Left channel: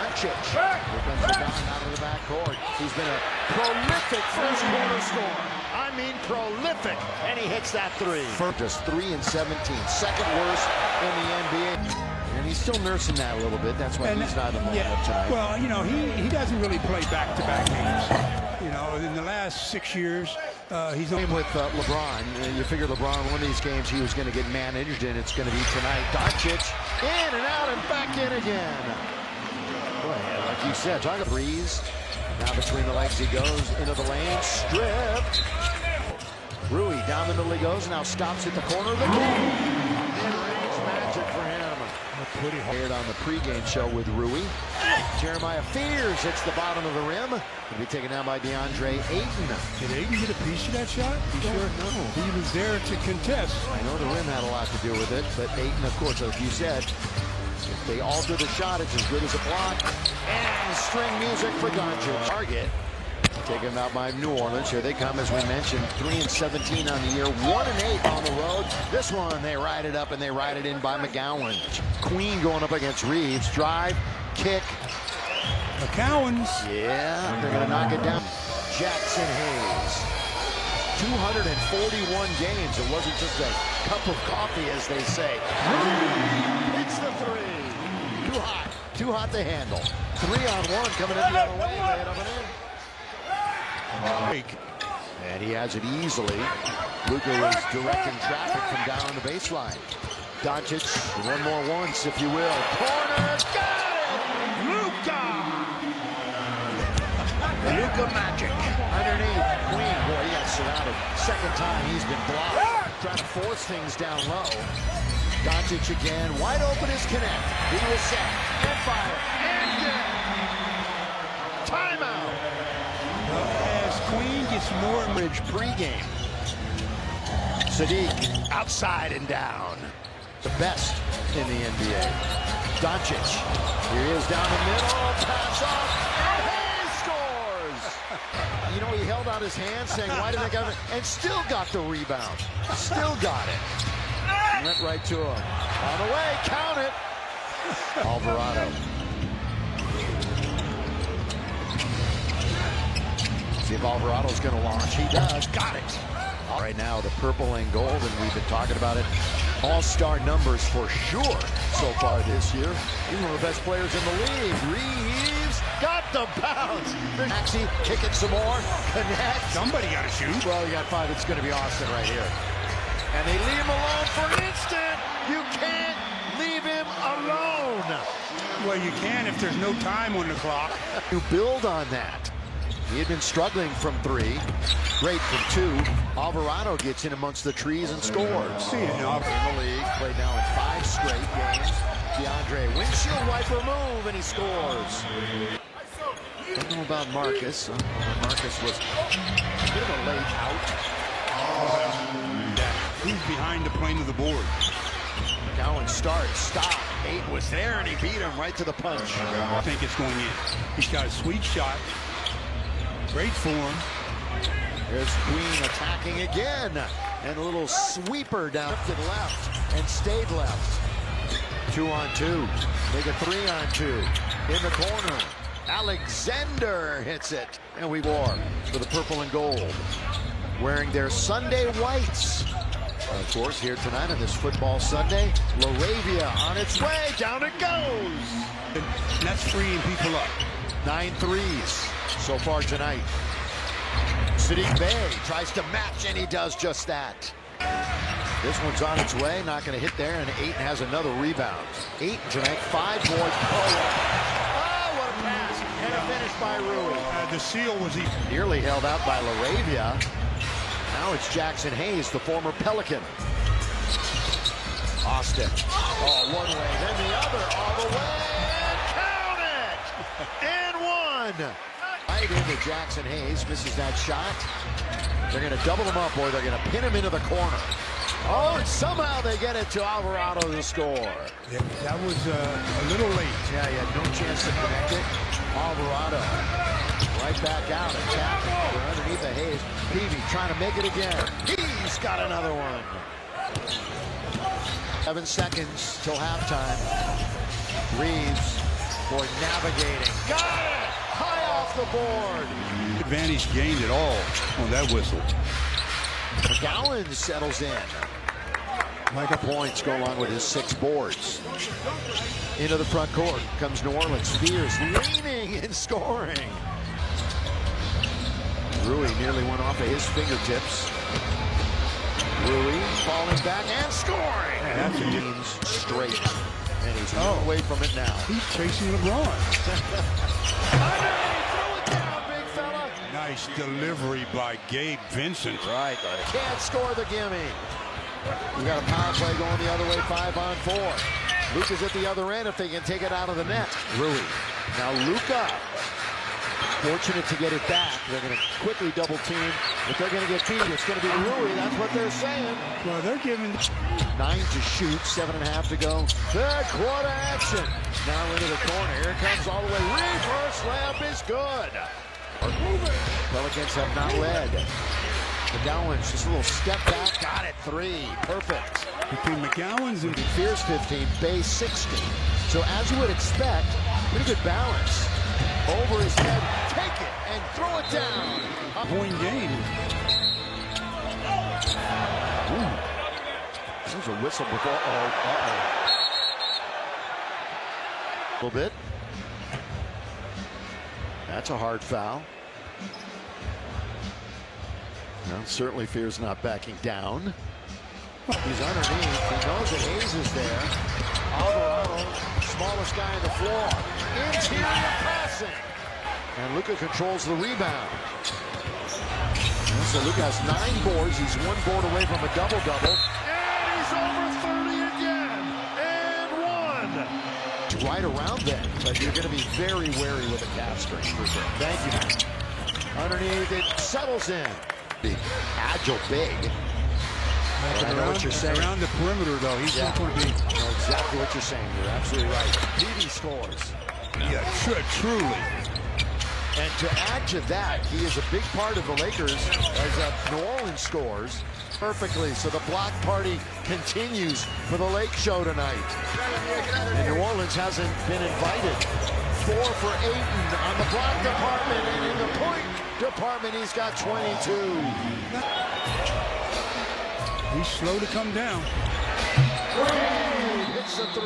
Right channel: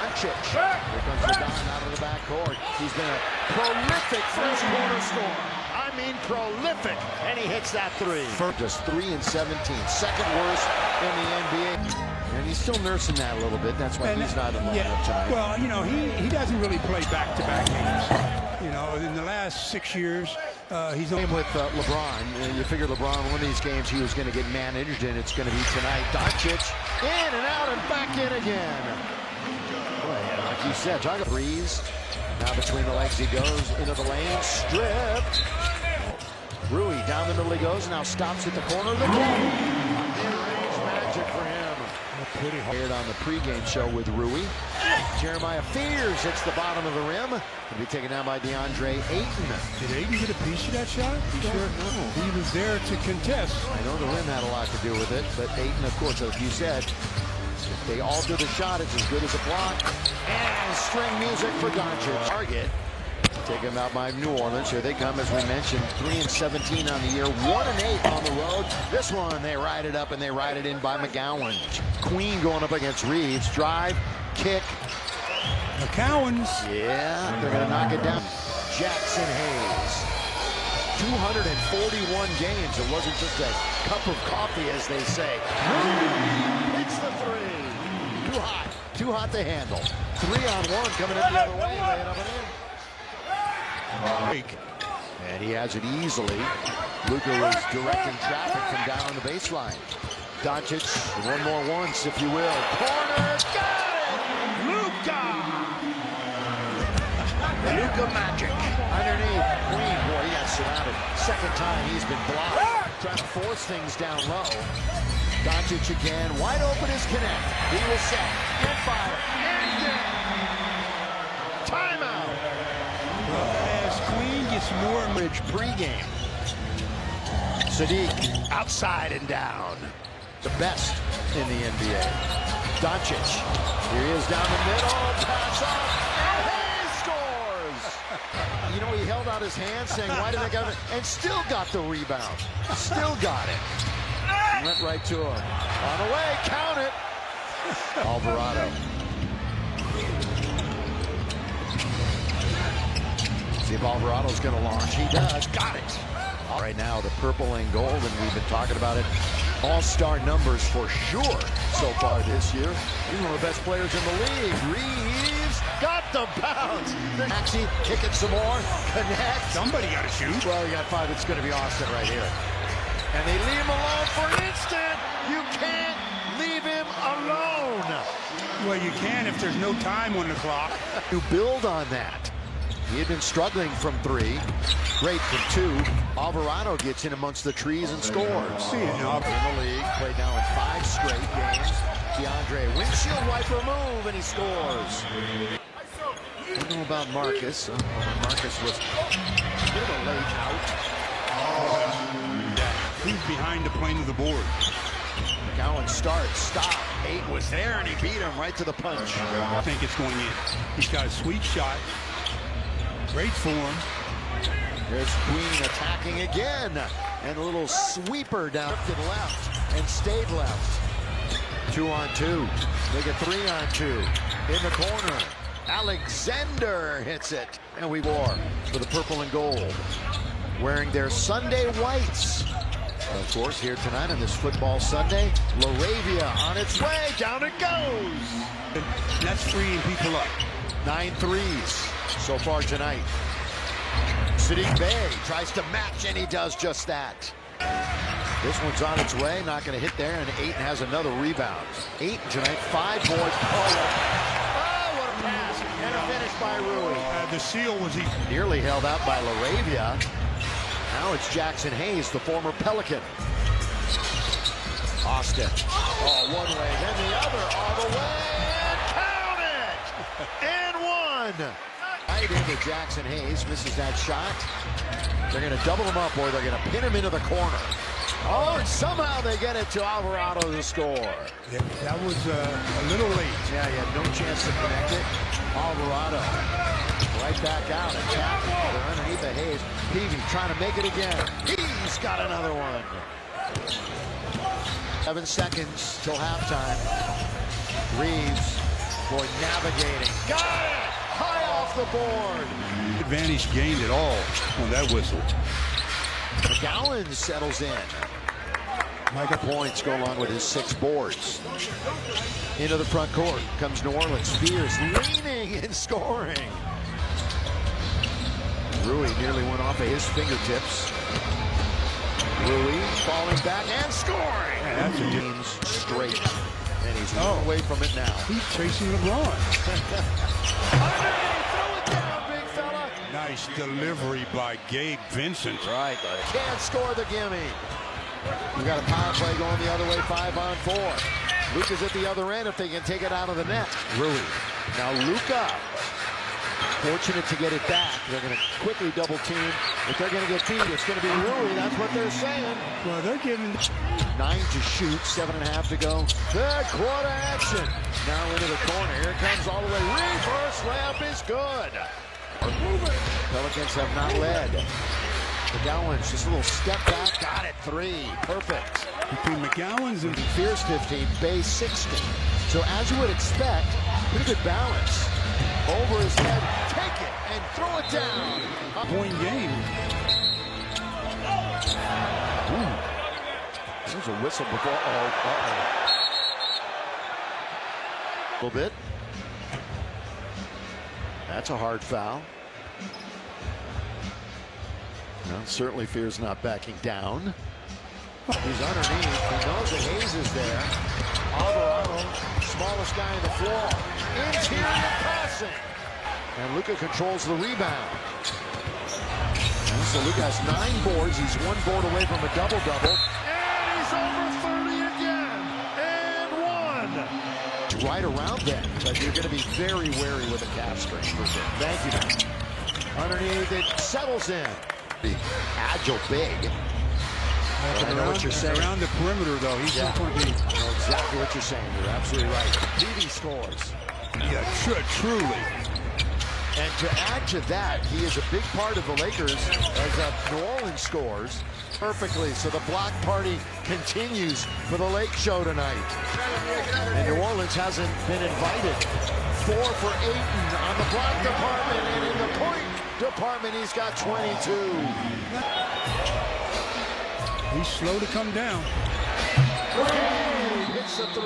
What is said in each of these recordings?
Doncic. Here comes the Don out of the backcourt. He's been a prolific first quarter scorer. I mean prolific. And he hits that three. Just 3 and 17. Second worst in the NBA. And he's still nursing that a little bit. That's why he's not in the lineup tonight. Well, you know, he doesn't really play back-to-back games. You know, in the last 6 years, he's on with LeBron. You figure LeBron, one of these games, he was going to get managed, and it's going to be tonight. Doncic in and out and back in again. Boy, like you said, talking threes. Now between the legs he goes into the lane, stripped. Rui down the middle he goes, now stops at the corner of the game. Mid-range magic for him. Pretty hard on the pregame show with Rui. Jeremiah Fears hits the bottom of the rim. Will be taken down by DeAndre Ayton. Did Ayton get a piece of that shot? No. He was there to contest. I know the rim had a lot to do with it, but Ayton, of course, like you said, if they alter the shot, it's as good as a block. And string music for Doncic. Target. Taken out by New Orleans. Here they come, as we mentioned. 3 and 17 on the year. 1 and 8 on the road. This one, they ride it up and they ride it in by McGowan. Queen going up against Reeves. Drive, kick. McCowan's. Yeah, they're going to knock it down. Jackson Hayes. 241 games. It wasn't just a cup of coffee, as they say. Hits the three. Too hot. Too hot to handle. 3-on-1 coming in the other way. Lay it up and in. And he has it easily. Luka was directing traffic from down on the baseline. Doncic, one more once, if you will. Corner, got it! Luka! Luka magic. Underneath, Queen, boy, he got surrounded. Second time he's been blocked. Trying to force things down low. Doncic again, wide open is Connect. He will set and fire and get. Timeout. As Queen gets more bridge pregame. Sadiq outside and down. The best in the NBA. Doncic. Here he is down the middle. Pass off. And Hayes scores. You know, he held out his hand saying, why did I get it? And still got the rebound. Still got it. Went right to him. On the way. Count it. Alvarado. See if Alvarado's going to launch. He does. Got it. Right now, the purple and gold, and we've been talking about it. All-star numbers for sure so far this year. He's one of the best players in the league. Reeves got the bounce. Maxey, kick it some more. Connect. Somebody got to shoot. Well, you got 5. It's going to be Austin right here. And they leave him alone for an instant. You can't leave him alone. Well, you can if there's no time on the clock. You build on that. He had been struggling from 3. Great from 2. Alvarado gets in amongst the trees and scores. In the league, played now in 5 straight games. DeAndre, windshield wiper move, and he scores. Don't know about Marcus. Marcus was a bit of a late out. He's behind the plane of the board. McGowan starts, stop. 8 was there, and he beat him right to the punch. I think it's going in. He's got a sweet shot. Great form. Here's Queen attacking again. And a little sweeper down to the left and stayed left. 2-on-2. Make it 3-on-2. In the corner. Alexander hits it. And we wore for the purple and gold. Wearing their Sunday whites. Of course, here tonight on this football Sunday, LaRavia on its way. Down it goes. And that's freeing people up. 9 threes so far tonight. Sadiq Bey tries to match, and he does just that. This one's on its way, not going to hit there, and Ayton has another rebound. Ayton tonight, 5 boards. Oh, what a pass. And a finish by Rui. The seal was nearly held out by LaRavia. Now it's Jackson Hayes, the former Pelican. Austin. Oh, one way, then the other, all the way, and count it! And 1! Right into Jackson Hayes, misses that shot. They're going to double him up, or they're going to pin him into the corner. Oh, and somehow they get it to Alvarado to score. Yeah, that was a little late. Yeah, he had no chance to connect it. Alvarado right back out, attacking. They're underneath the Hayes. Peavy trying to make it again. He's got another one. 7 seconds till halftime. Reeves Boy, navigating. Got it! High off the board. Advantage gained at all on that whistle. McGowan settles in. Micah points go along with his 6 boards. Into the front court comes New Orleans. Spears leaning and scoring. Rui nearly went off of his fingertips. Rui falling back and scoring. Yeah, that's a team's straight. And he's away from it now. He's chasing LeBron. Underneath, throw it down, big fella. Nice delivery by Gabe Vincent. Right. Can't score the gimme. We got a power play going the other way, 5-on-4. Luka's at the other end if they can take it out of the net. Rui. Now Luka. Fortunate to get it back. They're going to quickly double team. If they're going to get beat, it's going to be Rui. That's what they're saying. Well, they're giving 9 to shoot, 7.5 to go. Third quarter action. Now into the corner. Here it comes all the way. Reverse layup is good. Pelicans have not led. McGowan's just a little step back. Got it. 3. Perfect. between McGowan's and Fierce 15, Bay 16. So as you would expect, pretty good balance. Over his head, take it and throw it down. point game. Ooh. There's a whistle before. A little bit. That's a hard foul. Well, certainly Fear's not backing down. He's underneath. He knows that Hayes is there. Alvarado, smallest guy on the floor. Interior passing. And Luka controls the rebound. And so Luka has 9 boards. He's 1 board away from a double-double. And he's over 30 again. And 1. Right around then, but you're going to be very wary with a calf strain for sure. Thank you, man. Underneath, it settles in. The agile big. I know what you're saying. Around the perimeter, though, he's not going to be. I know exactly what you're saying. You're absolutely right. Peavy scores. Yeah, truly. And to add to that, he is a big part of the Lakers as New Orleans scores perfectly. So the block party continues for the Lake Show tonight. And New Orleans hasn't been invited. 4 for Ayton on the block department, and in the point department, he's got 22. He's slow to come down. Gabe hits the 3.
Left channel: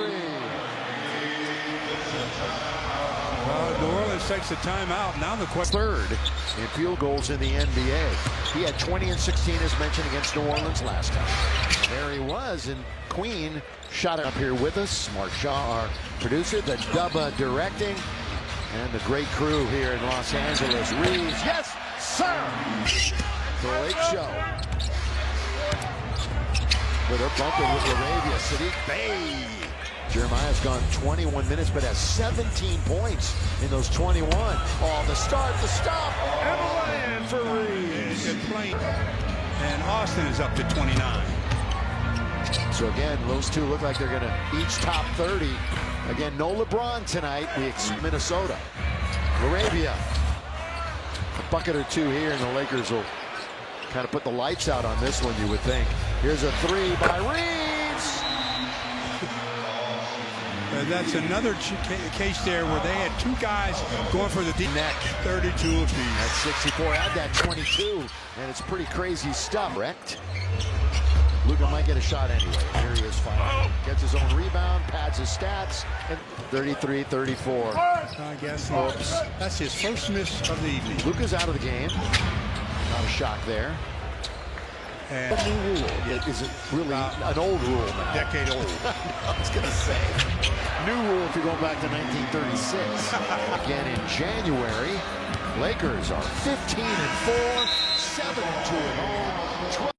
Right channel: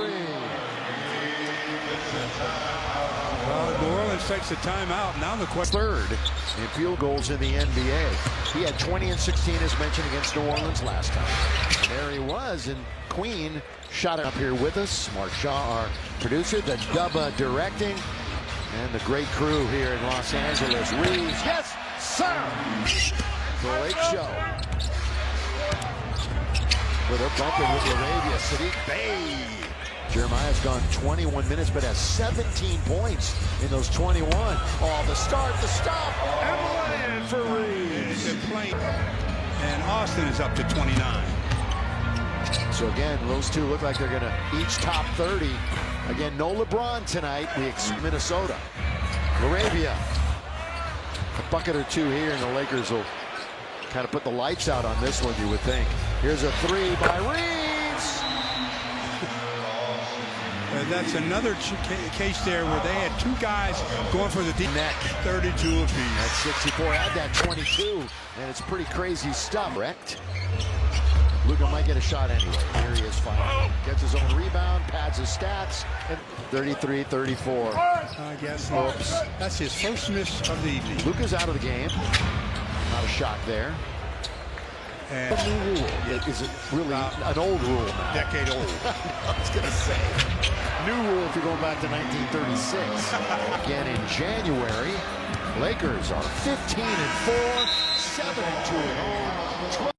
New Orleans takes the timeout. Now the question. 3rd in field goals in the NBA. He had 20 and 16 as mentioned against New Orleans last time. And there he was, and Queen shot it up here with us. Mark Shaw, our producer, the Dubba directing, and the great crew here in Los Angeles. Reeves, yes, sir! The Lake Show. Well, they're bumping with LaRavia. Sadiq Bey. Jeremiah's gone 21 minutes, but has 17 points in those 21. Oh, the start, the stop, and the lay-in for Reeves. And Austin is up to 29. So again, those two look like they're going to each top 30. Again, no LeBron tonight. We expect Minnesota. LaRavia. A bucket or 2 here, and the Lakers will kind of put the lights out on this one, you would think. Here's a 3 by Reeves. That's another case there where they had 2 guys going for the deep neck. 32 apiece. That's 64. Add that 22, and it's pretty crazy stuff. Wrecked. Luka might get a shot anyway. Here he is finally. Gets his own rebound, pads his stats, and 33-34. I guess. Oops. That's his first miss of the evening. Luka's out of the game. Not a shock there. And a new rule. Is it really an old rule now? Decade old. I was going to say. New rule if you're going back to 1936. Again in January, Lakers are 15-4, 7-2 at home.